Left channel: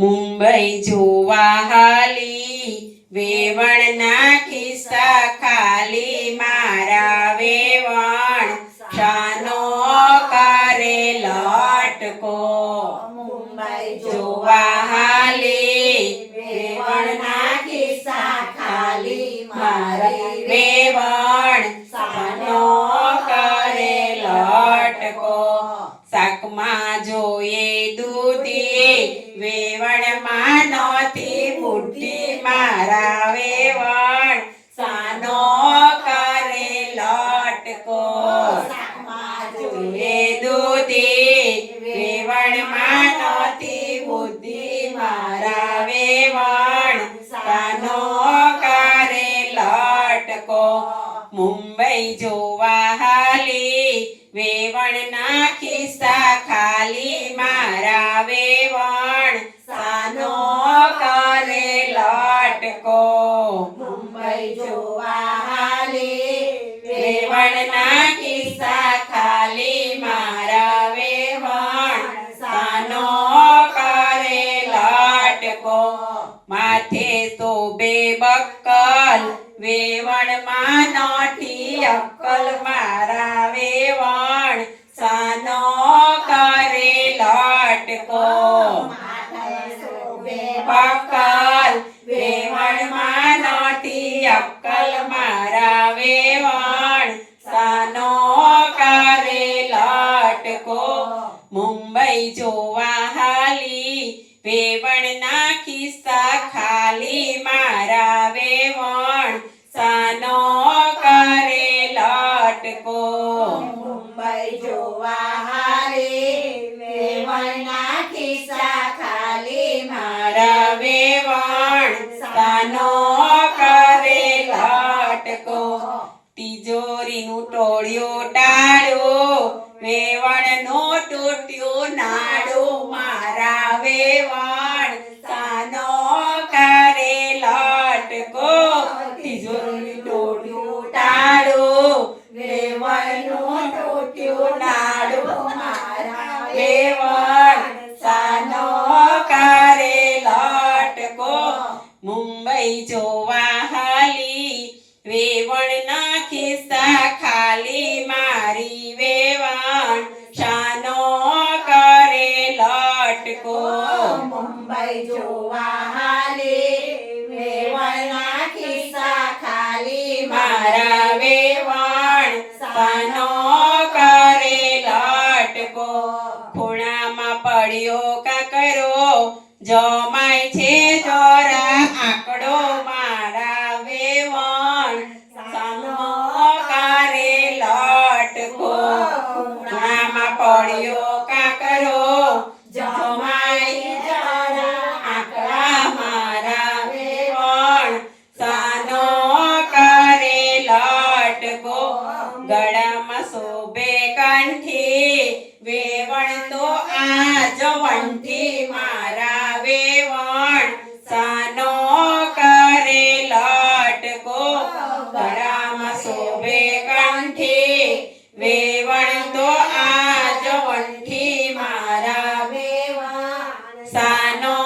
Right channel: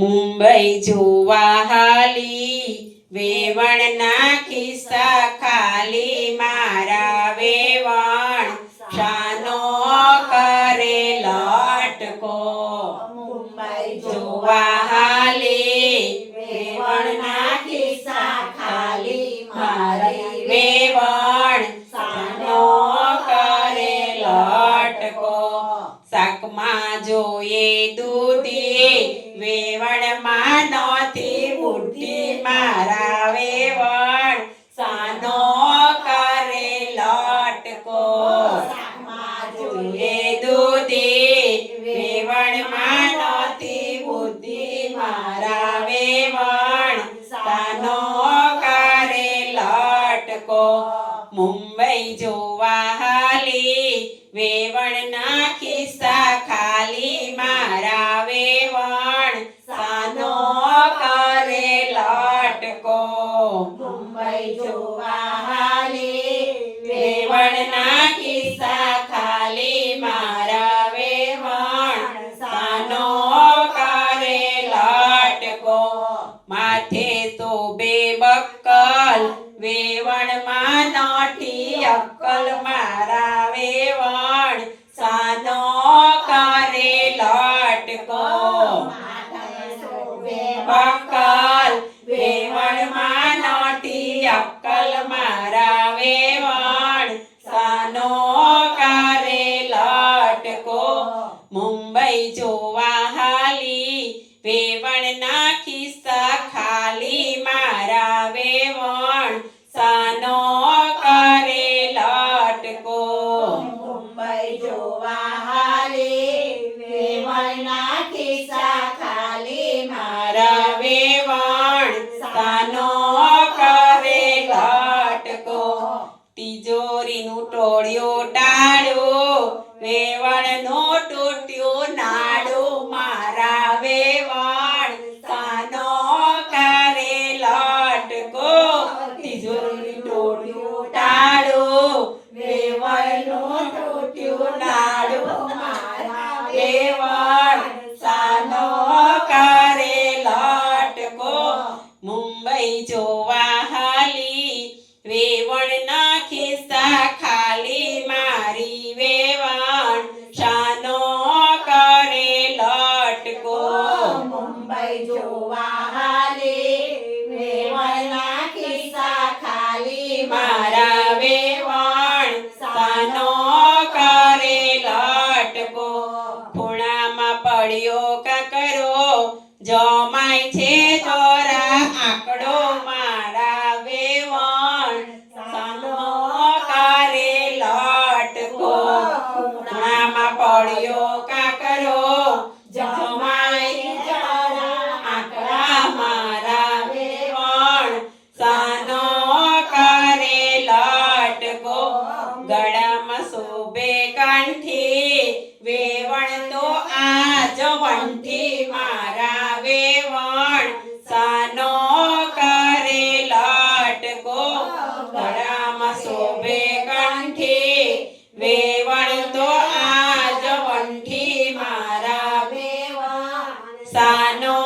મુંબઈ જોવા હાલી વેવણના ખિસ્સા ખાલી મારા વેવણ શાનો કરે લટકો મુંબઈ જોવા હાલી વેવણના ખિસ્સા ખાલી મારી વેવણ શાનો કરે લટકો શાકમાં જોઈએ દૂધી વેવણમાં નહોતી બુદ્ધિ મારા વેવણ શાનો કરે લટકો શાકમાં જોઈએ દૂધી વેવણમાં નહોતી બુદ્ધિ મારા વેવણ શાનો કરે લટકો મુંબઈ જોવા હાલી વેવણના ખિસ્સા ખાલી મારા વેવણ શાનો કરે લટકો મુંબઈ જોવા હાલી વેવણના ખિસ્સા ખાલી મારા વેવણ શાનો કરે લટકો માથે શોભે બક્કલ વેવણમાં નોઠી અક્કલ મારા વેવણ શાનો કરે લટકો બક્કલ વેવણમાં નોઠી અક્કલ મારા વેવણ શાનો કરે લટકો મુંબઈ જોવા હાલી વેવણના ખિસ્સા ખાલી મારા વેવણ શાનો કરે લટકો મુંબઈ જોવા હાલી વેવણના ખિસ્સા ખાલી મારા વેવણ શાનો કરે લટકો તિજોરીનું ટોળિયું ટાળું વેવણનું તૂટ્યું નાડું મારા વેવણ શાનો કરે લટકો તિજોરીનું ટોળિયું ટાળું વેવણનું તૂટ્યું નાડું મારા વેવણ શાનો કરે લટકો મુંબઈ જોવા હાલી વેવણના ખિસ્સા ખાલી મારી વેવણ શાનો કરે લટકો મુંબઈ જોવા હાલી વેવણના ખિસ્સા ખાલી મારા વેવણ શાનો કરે લટકો ખૂણામાં પડ્યો કાકરો જમાય છે જોરા આંકડો મારા વેવણ શાનો કરે લટકો ખૂણામાં પડ્યો કાકરો જમાય જોરા આંકડા મારા વેવણ શાનો કરે લટકો ગળામાં શોભે કંઠી વેવણ તો આજ વંઠી મારા વેવણ શાનો કરે લટકો ગળામાં શોભે કંઠી વેવણ તો આજ વંઠી મારા વેવણ શાનો